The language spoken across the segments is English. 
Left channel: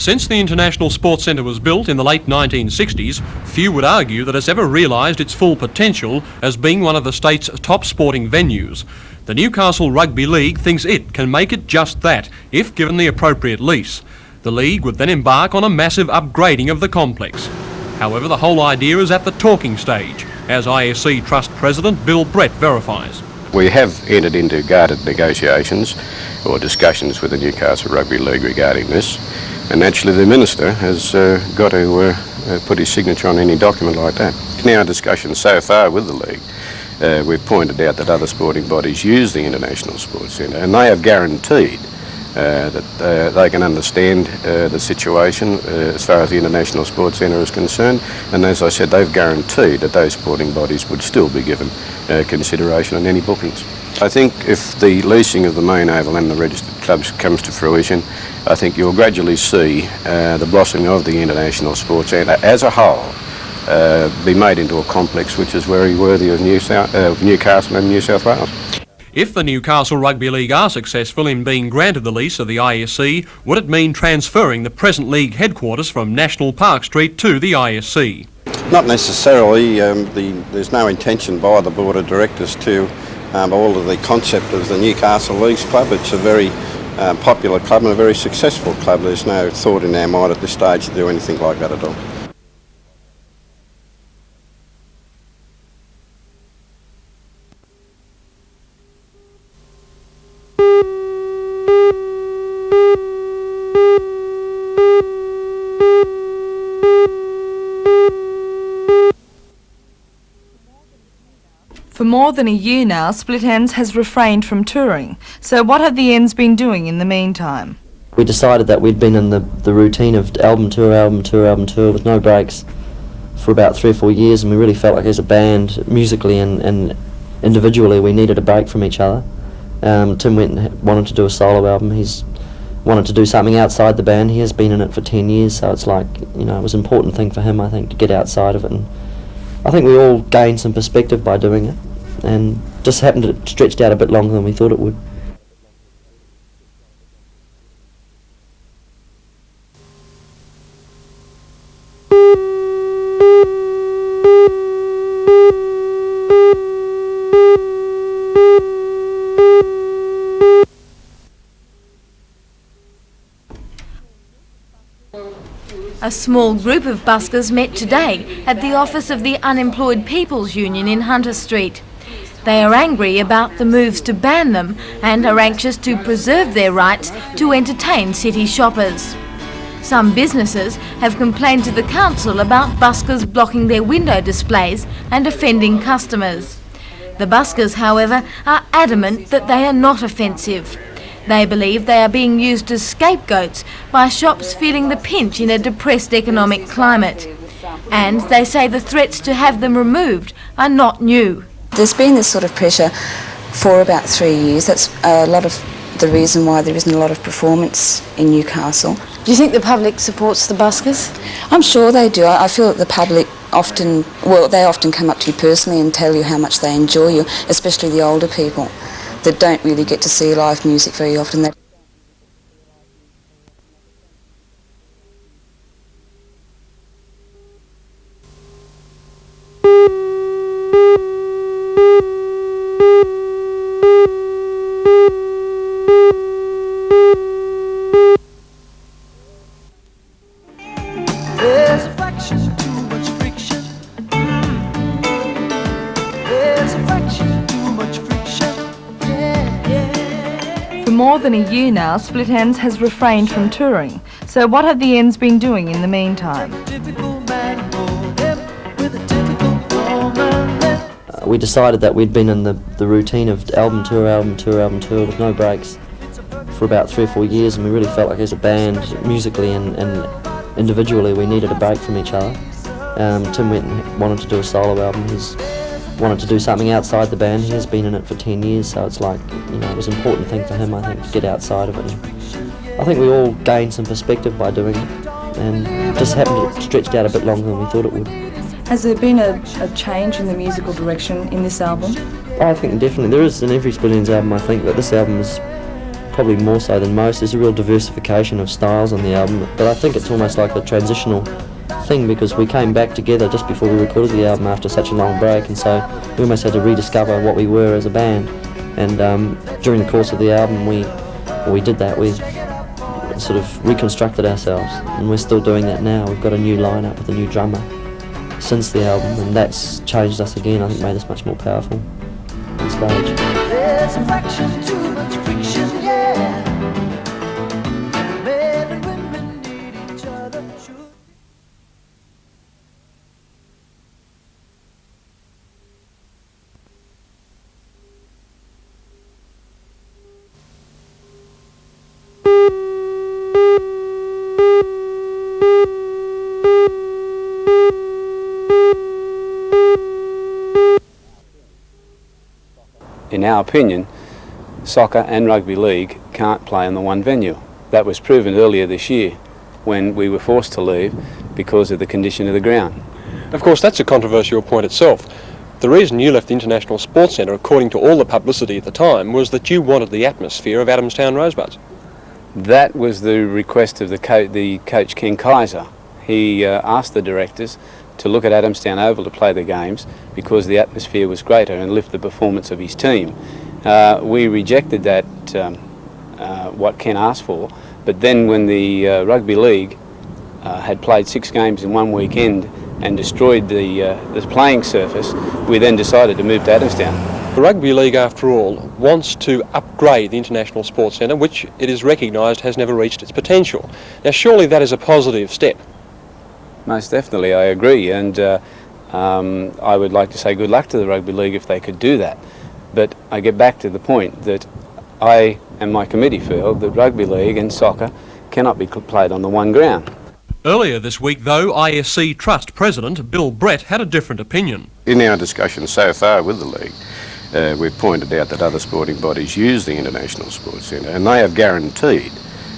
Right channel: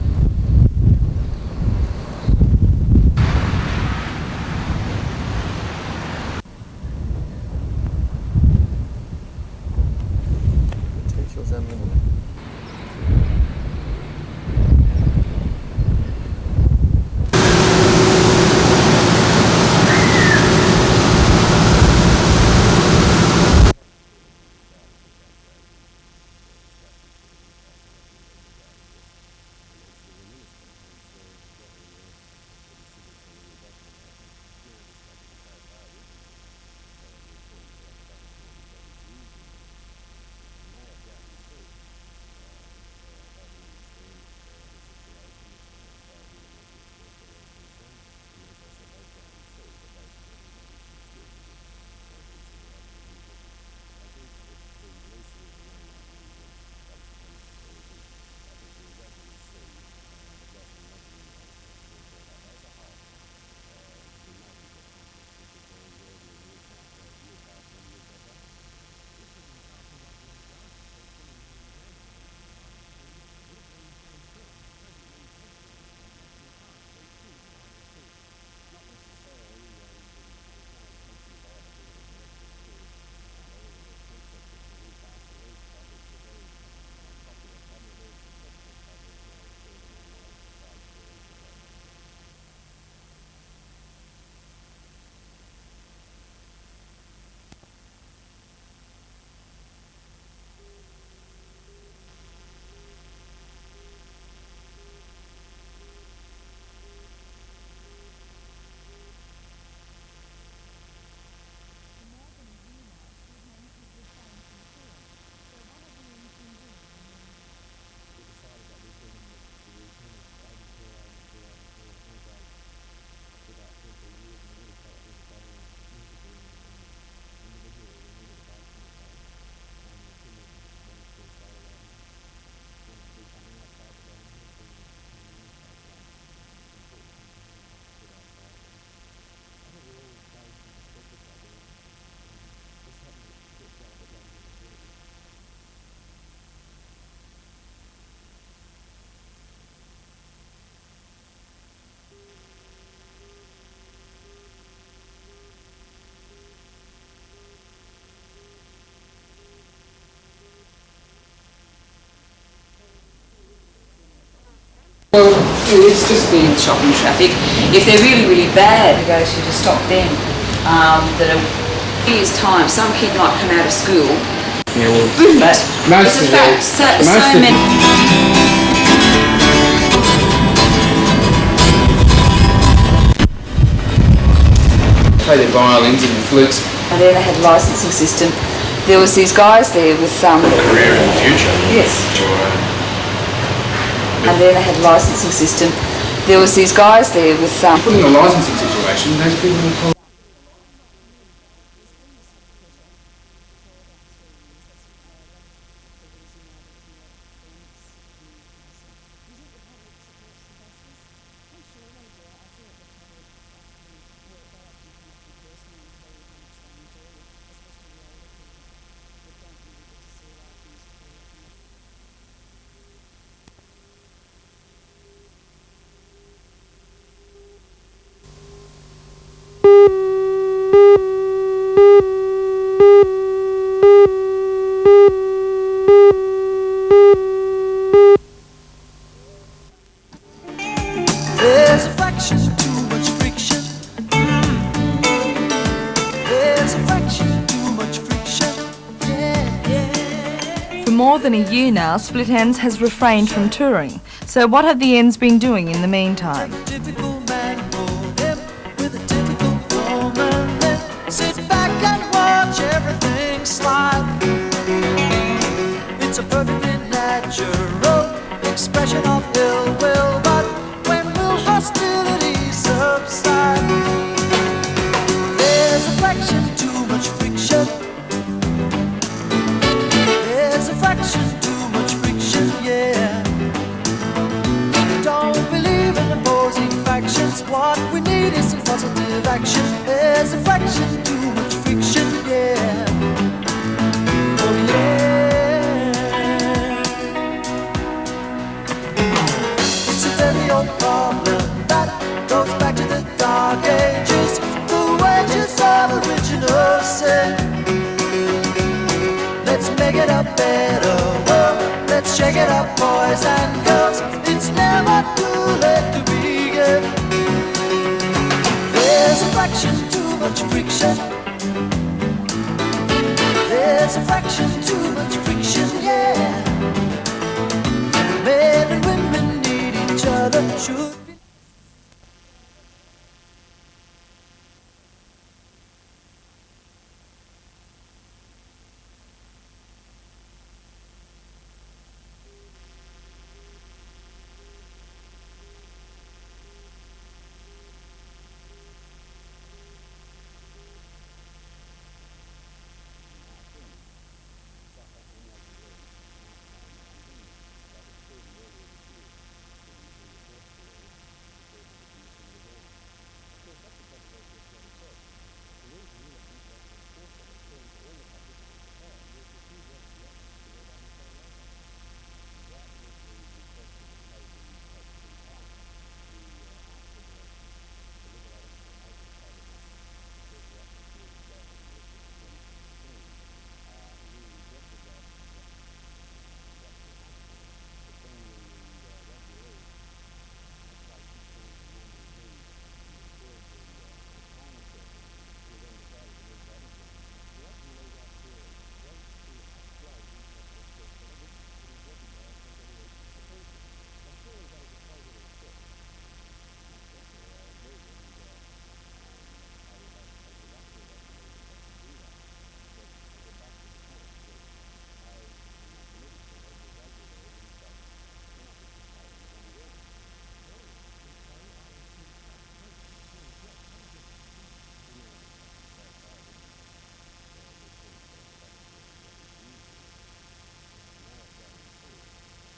Since the International Sports Centre was built in the late 1960s, few would argue that it's ever realised its full potential as being one of the state's top sporting venues. The Newcastle Rugby League thinks it can make it just that, if given the appropriate lease. The league would then embark on a massive upgrading of the complex. However, the whole idea is at the talking stage, as ISC Trust President Bill Brett verified. We have entered into guarded negotiations or discussions with the Newcastle Rugby League regarding this. And naturally the Minister has got to put his signature on any document like that. In our discussions so far with the League, we've pointed out that other sporting bodies use the International Sports Centre, and they have guaranteed that they can understand the situation as far as the International Sports Centre is concerned, and as I said, they've guaranteed that those sporting bodies would still be given consideration on any bookings. I think if the leasing of the main oval and the registered clubs comes to fruition, I think you'll gradually see the blossoming of the International Sports Centre as a whole be made into a complex which is very worthy of Newcastle and New South Wales. If the Newcastle Rugby League are successful in being granted the lease of the ISC, would it mean transferring the present league headquarters from National Park Street to the ISC? Not necessarily. There's no intention by the Board of Directors to alter the concept of the Newcastle Leagues Club. It's a very popular club and a very successful club. There's no thought in our mind at this stage to do anything like that at all. For more than a year now, Split Enz has refrained from touring. So what have the Ends been doing in the meantime? We decided that we'd been in the routine of album tour with no breaks for about 3 or 4 years, and we really felt like as a band, musically and individually, we needed a break from each other. Tim went and wanted to do a solo album. He's wanted to do something outside the band. He has been in it for 10 years, so it's like, you know, it was an important thing for him, I think, to get outside of it. And I think we all gained some perspective by doing it, and just happened to stretched out a bit longer than we thought it would. If they're really bad, at the office of the Unemployed People's Union in Hunter Street. They are angry about the moves to ban them and are anxious to preserve their rights to entertain city shoppers. Some businesses have complained to the council about buskers blocking their window displays and offending customers. The buskers, however, are adamant that they are not offensive. They believe they are being used as scapegoats by shops feeling the pinch in a depressed economic climate. And they say the threats to have them removed are not new. There's been this sort of pressure for about 3 years. That's a lot of the reason why there isn't a lot of performance in Newcastle. Do you think the public supports the buskers? I'm sure they do. I feel that the public often come up to you personally and tell you how much they enjoy you, especially the older people that don't really get to see live music very often. For more than a year now, Split Enz has refrained from touring. So what have the Ends been doing in the meantime? We decided that we'd been in the routine of album tour with no breaks for about 3 or 4 years, and we really felt like as a band, musically and individually, we needed a break from each other. Tim wanted to do a solo album. He wanted to do something outside the band. He's been in it for 10 years, so it's like, it was an important thing for him, I think, to get outside of it. I think we all gained some perspective by doing it. Just happened to stretch out a bit longer than we thought it would. Has there been a change in the musical direction in this album? I think definitely there is in every Split Enz album. I think that this album is probably more so than most. There's a real diversification of styles on the album, but I think it's almost like a transitional thing because we came back together just before we recorded the album after such a long break, and so we almost had to rediscover what we were as a band. And during the course of the album, we did that. We sort of reconstructed ourselves, and we're still doing it now. We've got a new lineup, a new drummer since the album, and that's changed us again. I think it's much more powerful. It's great. There's a fraction too much friction, yeah. Men and women need each other. Should be. In our opinion, soccer and rugby league can't play in the one venue. That was proven earlier this year when we were forced to leave because of the condition of the ground. Of course, that's a controversial point itself. The reason you left the International Sports Centre, according to all the publicity at the time, was that you wanted the atmosphere of Adamstown Rosebuds. That was the request of the coach Ken Kaiser. He asked the directors to look at Adamstown Oval to play the games because the atmosphere was greater and lift the performance of his team. We rejected that, what Ken asked for, but then when the rugby league had played 6 games in one weekend and destroyed the playing surface, we then decided to move to Adamstown. The Rugby League, after all, wants to upgrade the International Sports Centre, which it is recognised has never reached its potential. Now, surely that is a positive step. Most definitely, I agree, and I would like to say good luck to the Rugby League if they could do that. But I get back to the point that I and my committee feel that Rugby League and soccer cannot be played on the one ground. Earlier this week, though, ISC Trust President Bill Brett had a different opinion. In our discussions so far with the league, we've pointed out that other sporting bodies use the International Sports Centre, and they have guaranteed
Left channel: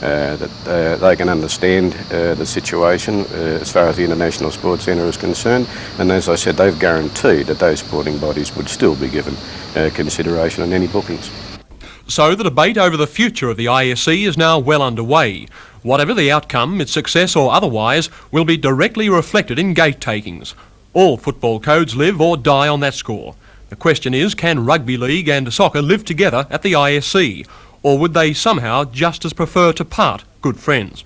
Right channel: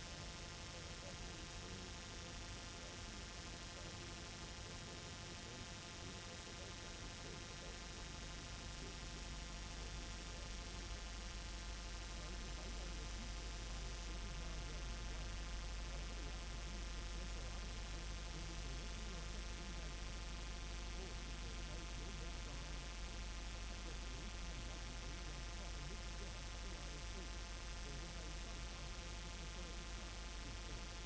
that they can understand the situation as far as the International Sports Centre is concerned, and as I said, they've guaranteed that those sporting bodies would still be given consideration on any bookings. So the debate over the future of the ISC is now well underway. Whatever the outcome, its success or otherwise, will be directly reflected in gate takings. All football codes live or die on that score. The question is, can rugby league and soccer live together at the ISC? Or would they somehow just as prefer to part good friends?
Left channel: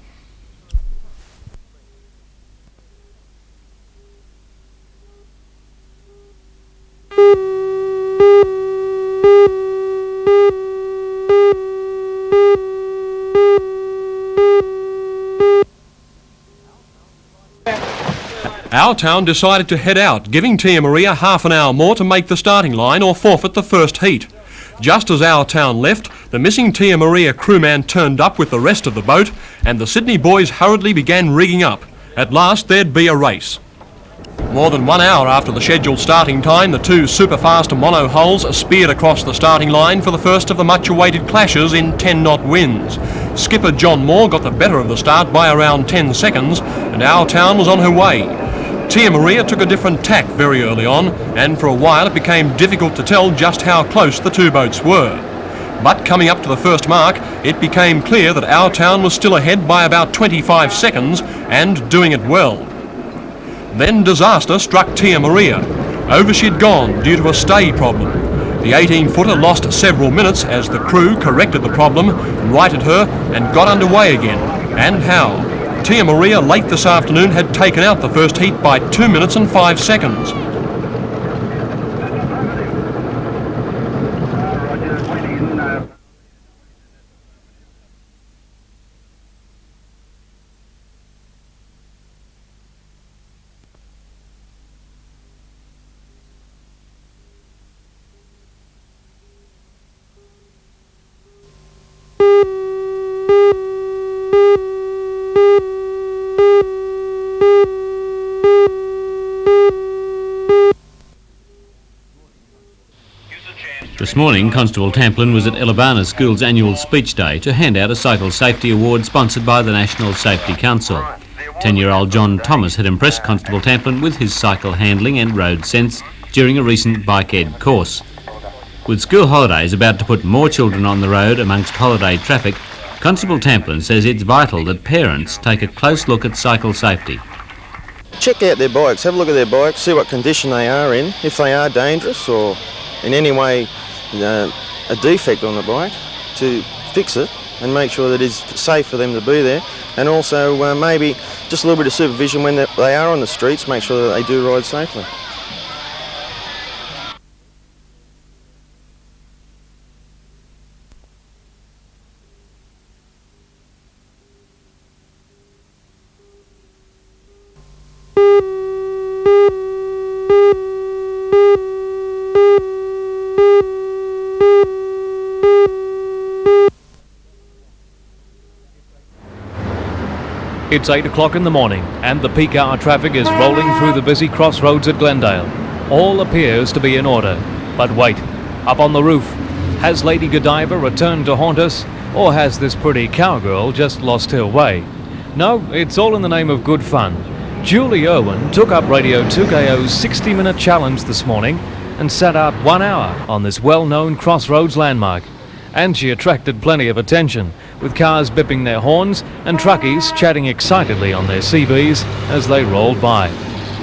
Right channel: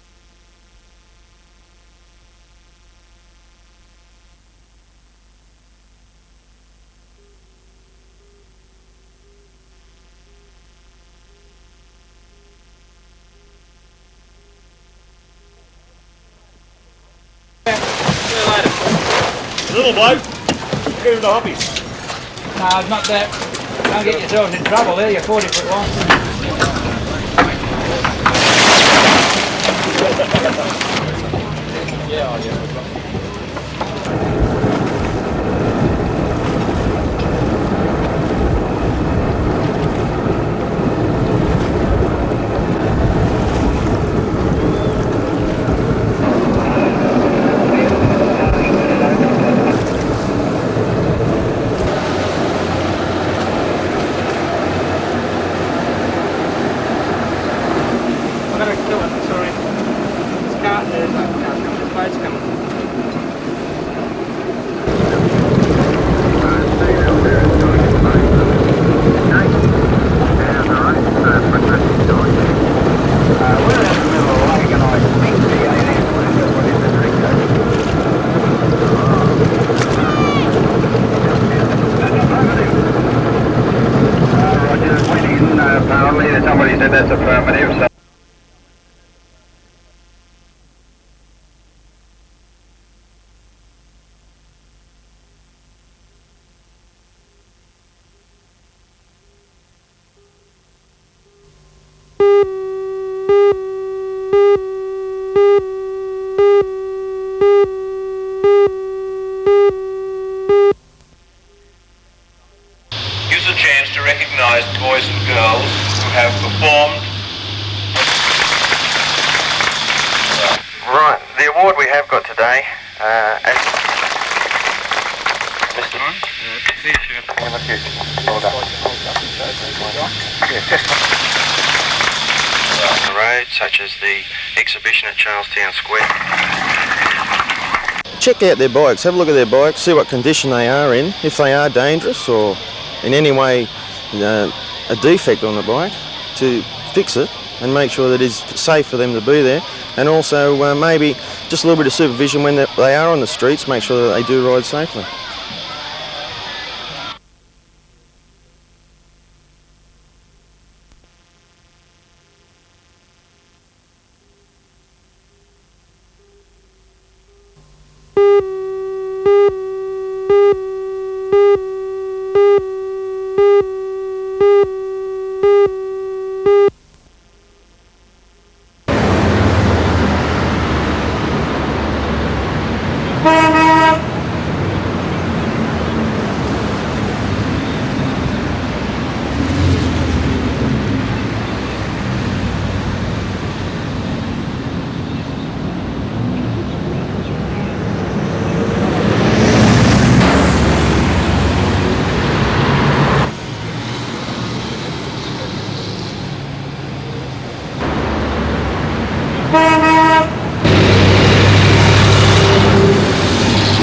Our town decided to head out, giving Tia Maria half an hour more to make the starting line or forfeit the first heat. Just as our town left, the missing Tia Maria crewman turned up with the rest of the boat, and the Sydney boys hurriedly began rigging up. At last, there'd be a race. More than 1 hour after the scheduled starting time, the 2 super-fast mono hulls speared across the starting line for the first of the much-awaited clashes in 10-knot winds. Skipper John Moore got the better of the start by around 10 seconds, and our town was on her way. Tia Maria took a different tack very early on, and for a while it became difficult to tell just how close the 2 boats were. But coming up to the first mark, it became clear that our town was still ahead by about 25 seconds, and doing it well. Then disaster struck Tia Maria. Over she'd gone due to a stay problem. The 18-footer lost several minutes as the crew corrected the problem, righted her, and got underway again. And how? Tia Maria late this afternoon had taken out the first heat by 2 minutes and 5 seconds. Roger, waiting, apparently somebody said that's affirmative. So This morning, Constable Tamplin was at Elabana School's annual speech day to hand out a Cycle Safety Award sponsored by the National Safety Council. 10-year-old John Thomas had impressed Constable Tamplin with his cycle handling and road sense during a recent bike ed course. With school holidays about to put more children on the road amongst holiday traffic, Constable Tamplin says it's vital that parents take a close look at cycle safety. Check out their bikes, have a look at their bikes, see what condition they are in, if they are dangerous or in any way a defect on the bike, to fix it and make sure that it's safe for them to be there, and also maybe just a little bit of supervision when they are on the streets, make sure that they do ride safely. It's 8 o'clock in the morning and the peak hour traffic is rolling through the busy crossroads at Glendale. All appears to be in order. But wait, up on the roof, has Lady Godiva returned to haunt us, or has this pretty cowgirl just lost her way? No, it's all in the name of good fun. Julie Irwin took up Radio 2KO's 60-minute challenge this morning and sat out 1 hour on this well-known crossroads landmark. And she attracted plenty of attention, with cars bipping their horns and truckies chatting excitedly on their CBs as they roll by.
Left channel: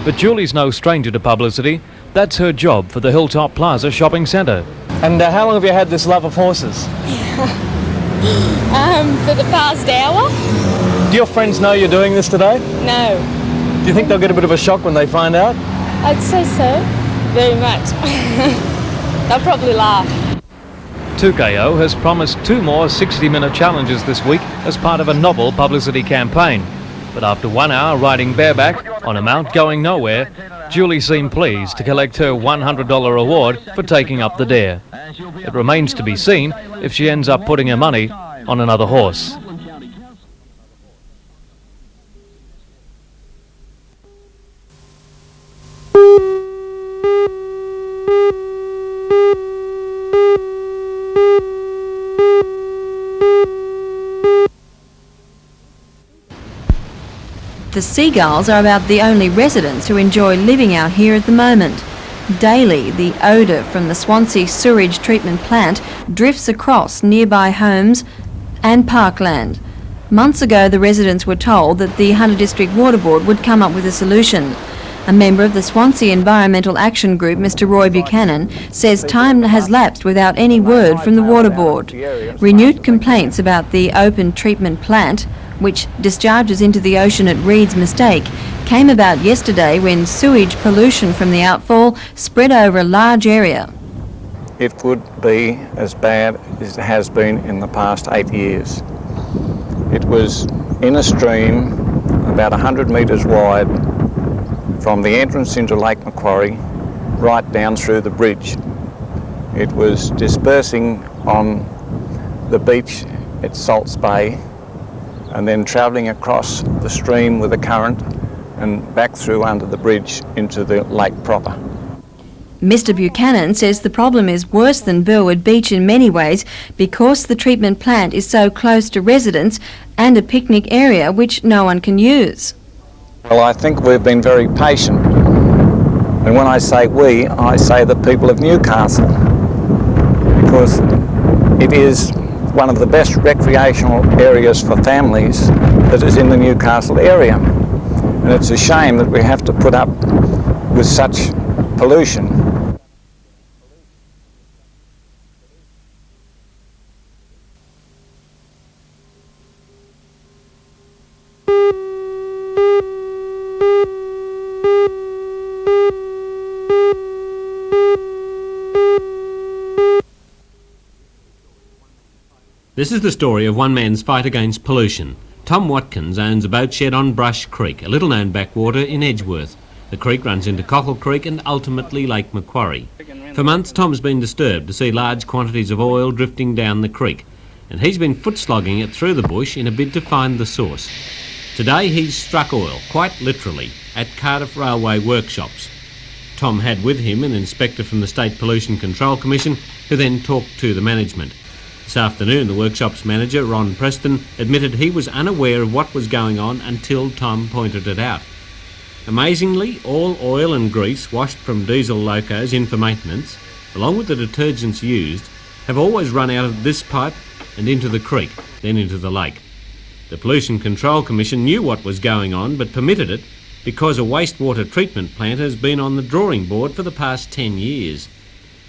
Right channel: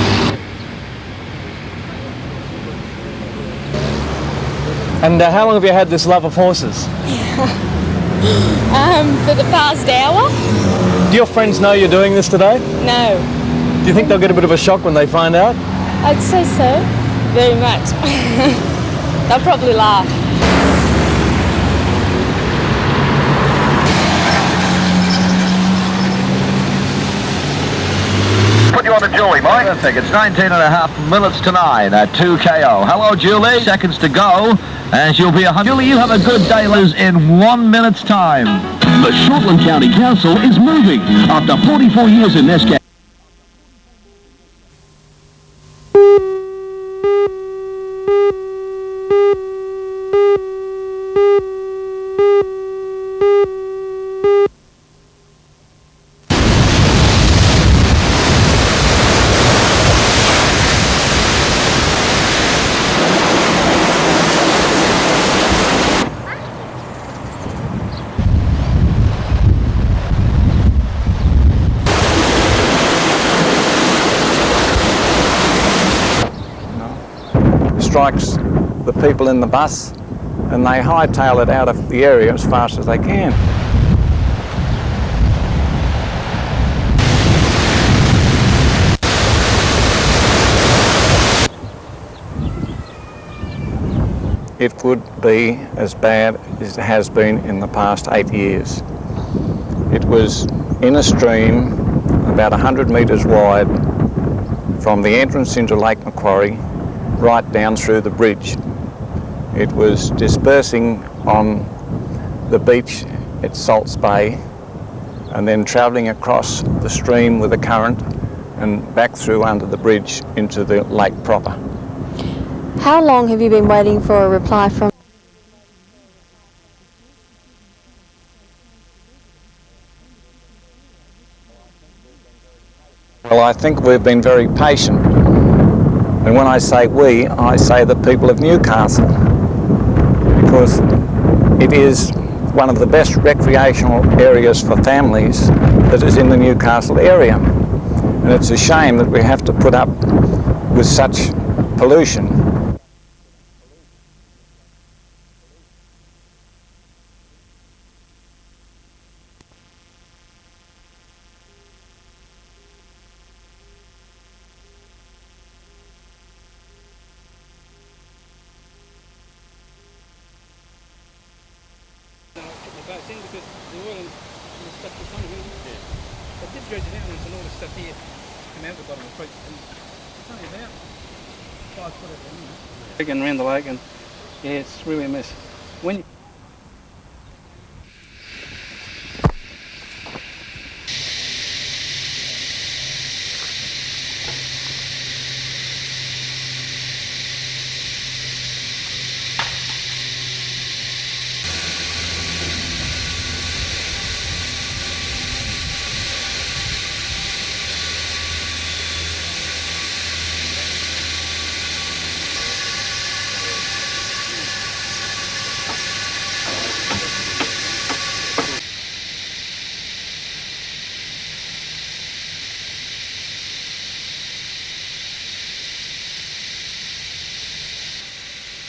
But Julie's no stranger to publicity. That's her job for the Hilltop Plaza shopping centre. And how long have you had this love of horses? For the past hour. Do your friends know you're doing this today? No. Do you think they'll get a bit of a shock when they find out? I'd say so. Very much. They'll probably laugh. 2KO has promised 2 more 60-minute challenges this week as part of a novel publicity campaign. But after 1 hour riding bareback on a mount going nowhere, Julie seemed pleased to collect her $100 award for taking up the dare. And she'll be Remains to be seen if she ends up putting her money on another The horse. Shortland County Council is moving after 44 years in this county. Seagulls are about the only residents who enjoy living out here at the moment. Daily, the odour from the Swansea sewage treatment plant drifts across nearby homes and parkland. Months ago, the residents were told that the Hunter District Water Board would come up with a solution. A member of the Swansea Environmental Action Group, Mr Roy Buchanan, says time has lapsed without any word from the Water Board. Renewed complaints about the open treatment plant, which discharges into the ocean at Reed's Mistake, came about yesterday when sewage pollution from the outfall spread over a large area. It would be as bad as it has been in the past 8 years. It was in a stream about 100 metres wide from the entrance into Lake Macquarie right down through the bridge. It was dispersing on the beach at Salts Bay and then travelling across the stream with the current and back through under the bridge into the lake proper. Mr Buchanan says the problem is worse than Burwood Beach in many ways because the treatment plant is so close to residents and a picnic area which no one can use. Well, I think we've been very patient. And when I say we, I say the people of Newcastle, because it is one of the best recreational areas for families that is in the Newcastle area. And it's a shame that we have to put up with such pollution. This is the story of one man's fight against pollution. Tom Watkins owns a boat shed on Brush Creek, a little-known backwater in Edgeworth. The creek runs into Cockle Creek and ultimately Lake Macquarie. For months, Tom's been disturbed to see large quantities of oil drifting down the creek, and he's been foot-slogging it through the bush in a bid to find the source. Today, he's struck oil, quite literally, at Cardiff Railway workshops. Tom had with him an inspector from the State Pollution Control Commission, who then talked to the management. This afternoon, the workshop's manager, Ron Preston, admitted he was unaware of what was going on until Tom pointed it out. Amazingly, all oil and grease washed from diesel locos in for maintenance along with the detergents used, have always run out of this pipe and into the creek, then into the lake. The Pollution Control Commission knew what was going on but permitted it because a wastewater treatment plant has been on the drawing board for the past 10 years.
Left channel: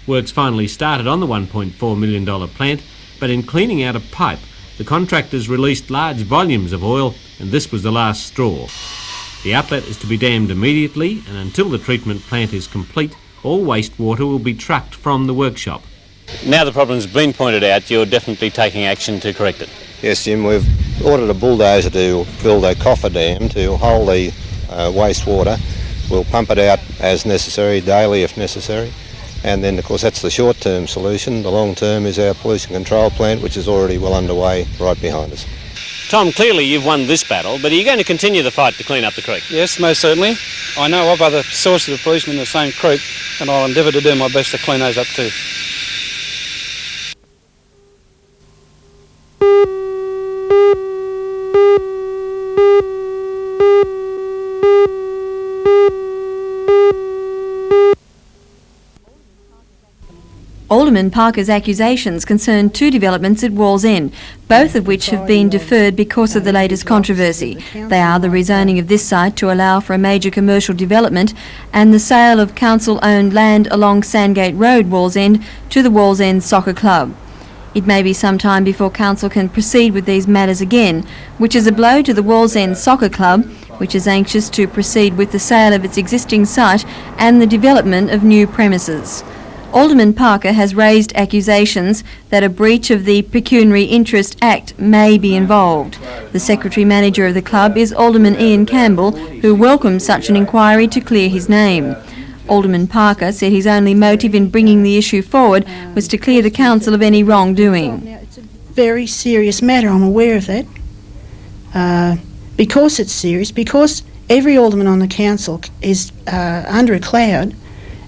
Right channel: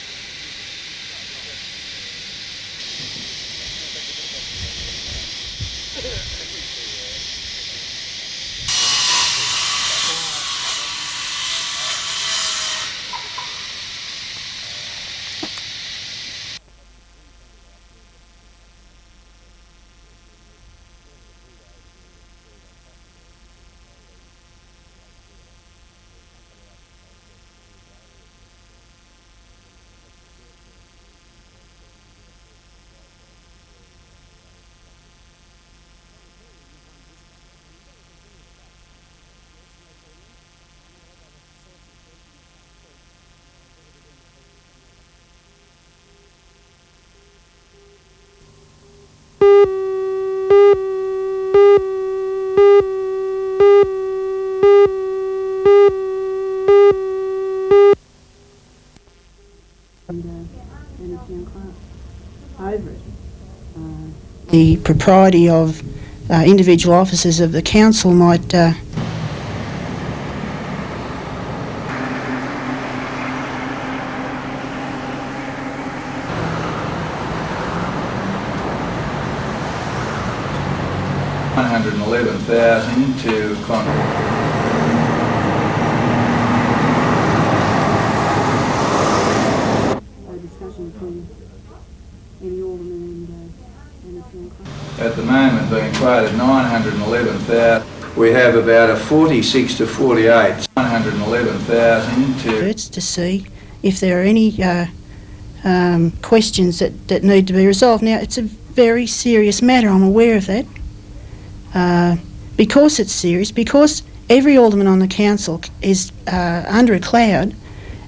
Works finally started on the $1.4 million plant, but in cleaning out a pipe, the contractors released large volumes of oil, and this was the last straw. The outlet is to be dammed immediately, and until the treatment plant is complete, all wastewater will be trucked from the workshop. Now the problem's been pointed out, you're definitely taking action to correct it. Yes, Jim, we've ordered a bulldozer to build a coffer dam to hold the wastewater. We'll pump it out as necessary, daily if necessary. And then, of course, that's the short-term solution. The long-term is our pollution control plant, which is already well underway right behind us. Tom, clearly you've won this battle, but are you going to continue the fight to clean up the creek? Yes, most certainly. I know of other sources of pollution in the same creek, and I'll endeavour to do my best to clean those up too. Alderman Parker's accusations concern two developments at Wallsend, both of which have been deferred because of the latest controversy. They are the rezoning of this site to allow for a major commercial development and the sale of council-owned land along Sandgate Road, Wallsend, to the Wallsend Soccer Club. It may be some time before council can proceed with these matters again, which is a blow to the Wallsend Soccer Club, which is anxious to proceed with the sale of its existing site and the development of new premises. Alderman Parker has raised accusations that a breach of the Pecuniary Interest Act may be involved. The Secretary-Manager of the club is Alderman Ian Campbell, who welcomes such an inquiry to clear his name. Alderman Parker said his only motive in bringing the issue forward was to clear the council of any wrongdoing. Now, it's a very serious matter, I'm aware of that. Because it's serious, because every alderman on the council is under a cloud,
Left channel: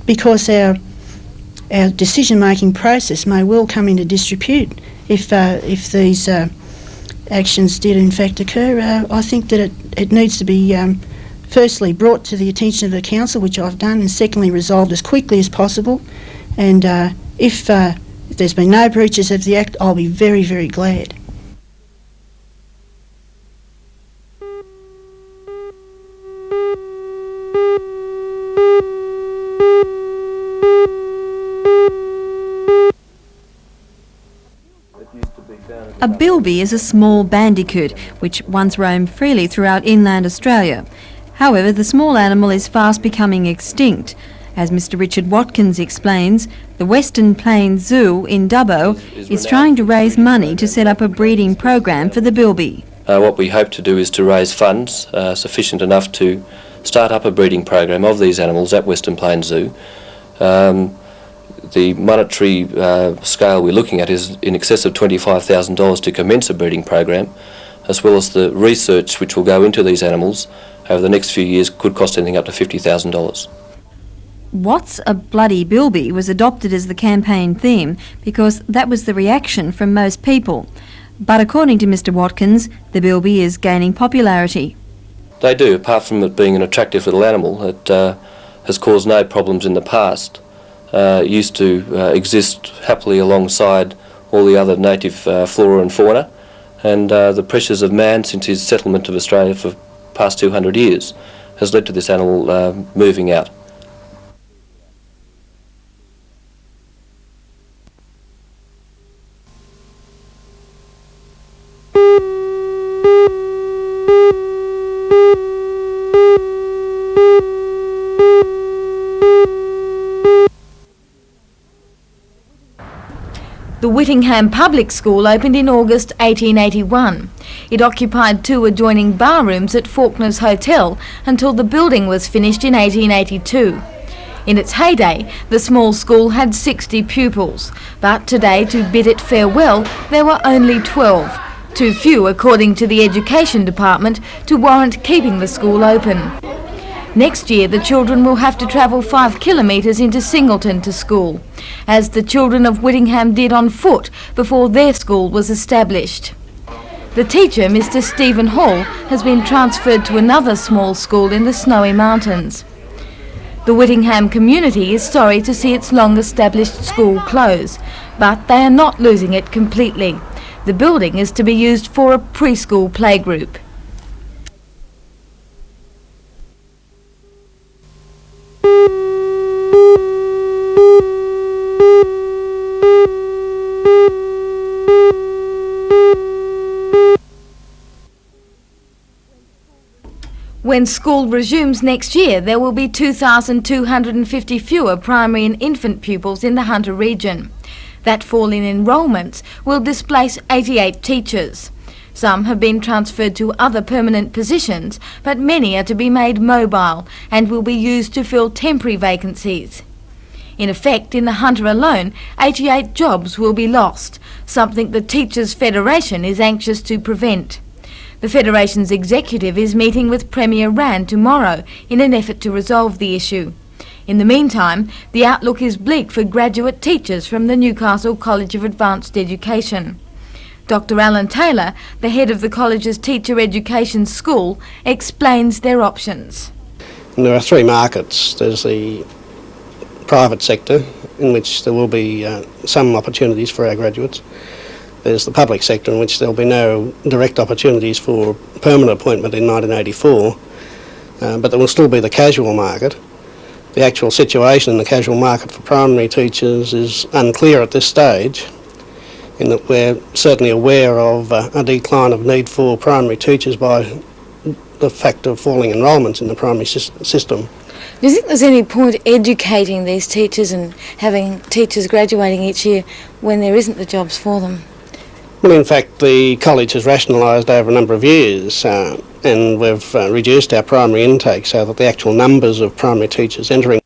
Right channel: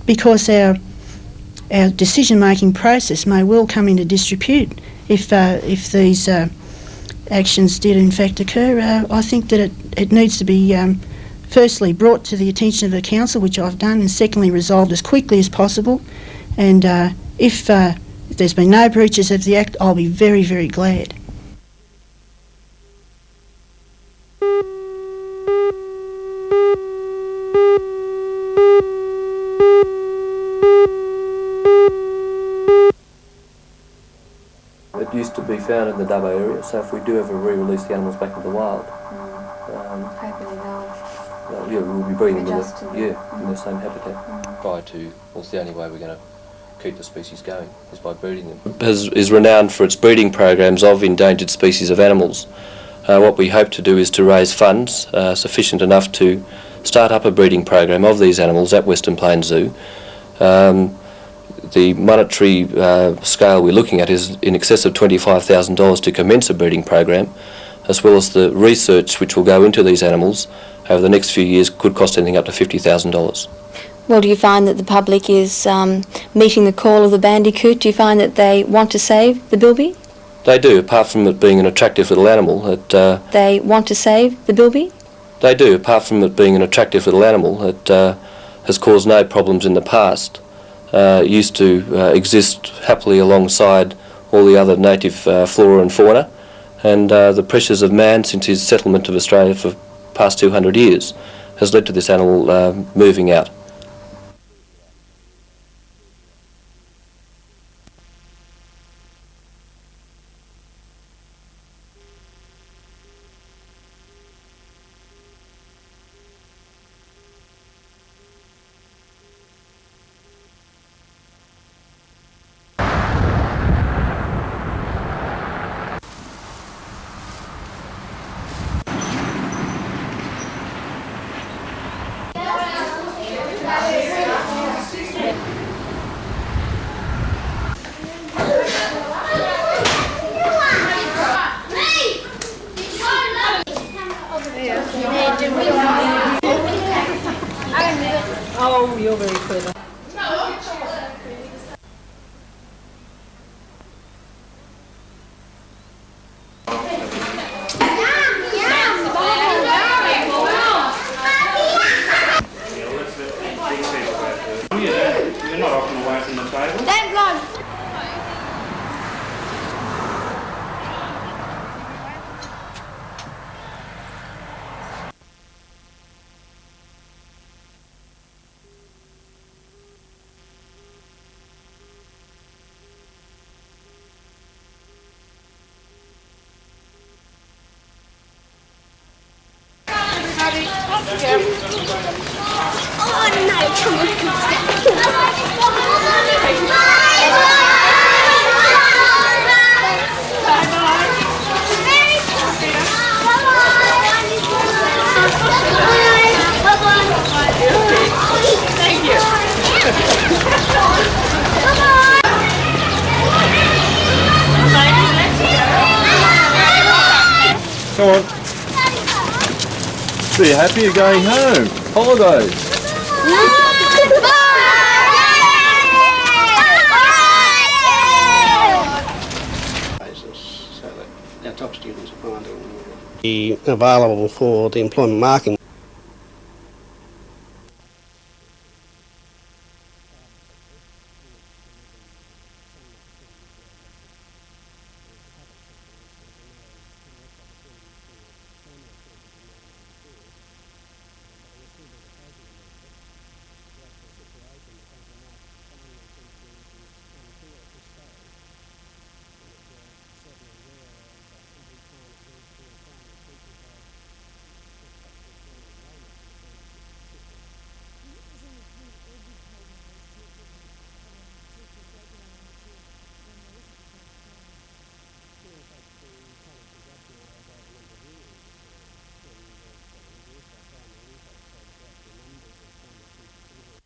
because our decision-making process may well come into disrepute if these actions did in fact occur. I think that it needs to be firstly brought to the attention of the council, which I've done, and secondly resolved as quickly as possible. And if there's been no breaches of the Act, I'll be very, very glad. A bilby is a small bandicoot which once roamed freely throughout inland Australia. However, the small animal is fast becoming extinct. As Mr. Richard Watkins explains, the Western Plains Zoo in Dubbo is trying to raise money to set up a breeding program for the bilby. What we hope to do is to raise funds sufficient enough to start up a breeding program of these animals at Western Plains Zoo. The monetary scale we're looking at is in excess of $25,000 to commence a breeding program, as well as the research which will go into these animals over the next few years could cost anything up to $50,000. Well, do you find that the public is meeting the call of the bandicoot? Do you find that they want to save the bilby? From most people. They do, apart from it being an attractive little animal. The bilby is gaining popularity. They do, apart from it being an attractive little animal. It has caused no problems in the past. Used to exist happily alongside all the other native flora and fauna, and the pressures of man since his settlement of Australia for the past 200 years has led to this animal moving out. The Whittingham Public School opened in August 1881. It occupied two adjoining bar rooms at Faulkner's Hotel until the building was finished in 1882. In its heyday, the small school had 60 pupils, but today, to bid it farewell, there were only 12. Too few, according to the Education Department, to warrant keeping the school open. Next year, the children will have to travel 5 kilometres into Singleton to school, as the children of Whittingham did on foot before their school was established. The teacher, Mr. Stephen Hall, has been transferred to another small school in the Snowy Mountains. The Whittingham community is sorry to see its long-established school close, but they are not losing it completely. The building is to be used for a preschool playgroup. When school resumes next year, there will be 2,250 fewer primary and infant pupils in the Hunter region. That falling enrolment will displace 88 teachers. Some have been transferred to other permanent positions, but many are to be made mobile and will be used to fill temporary vacancies. In effect, in the Hunter alone, 88 jobs will be lost, something the Teachers' Federation is anxious to prevent. The Federation's executive is meeting with Premier Rand tomorrow in an effort to resolve the issue. In the meantime, the outlook is bleak for graduate teachers from the Newcastle College of Advanced Education. Dr Alan Taylor, the head of the college's teacher education school, explains their options. And there are three markets. There's the private sector, in which there will be some opportunities for our graduates. There's the public sector, in which there'll be no direct opportunities for permanent appointment in 1984, but there will still be the casual market. The actual situation in the casual market for primary teachers is unclear at this stage, in that we're certainly aware of a decline of need for primary teachers by the fact of falling enrolments in the primary system. Do you think there's any point educating these teachers and having teachers graduating each year when there isn't the jobs for them? Well, in fact, the college has rationalised over a number of years and we've reduced our primary intake so that the actual numbers of primary teachers entering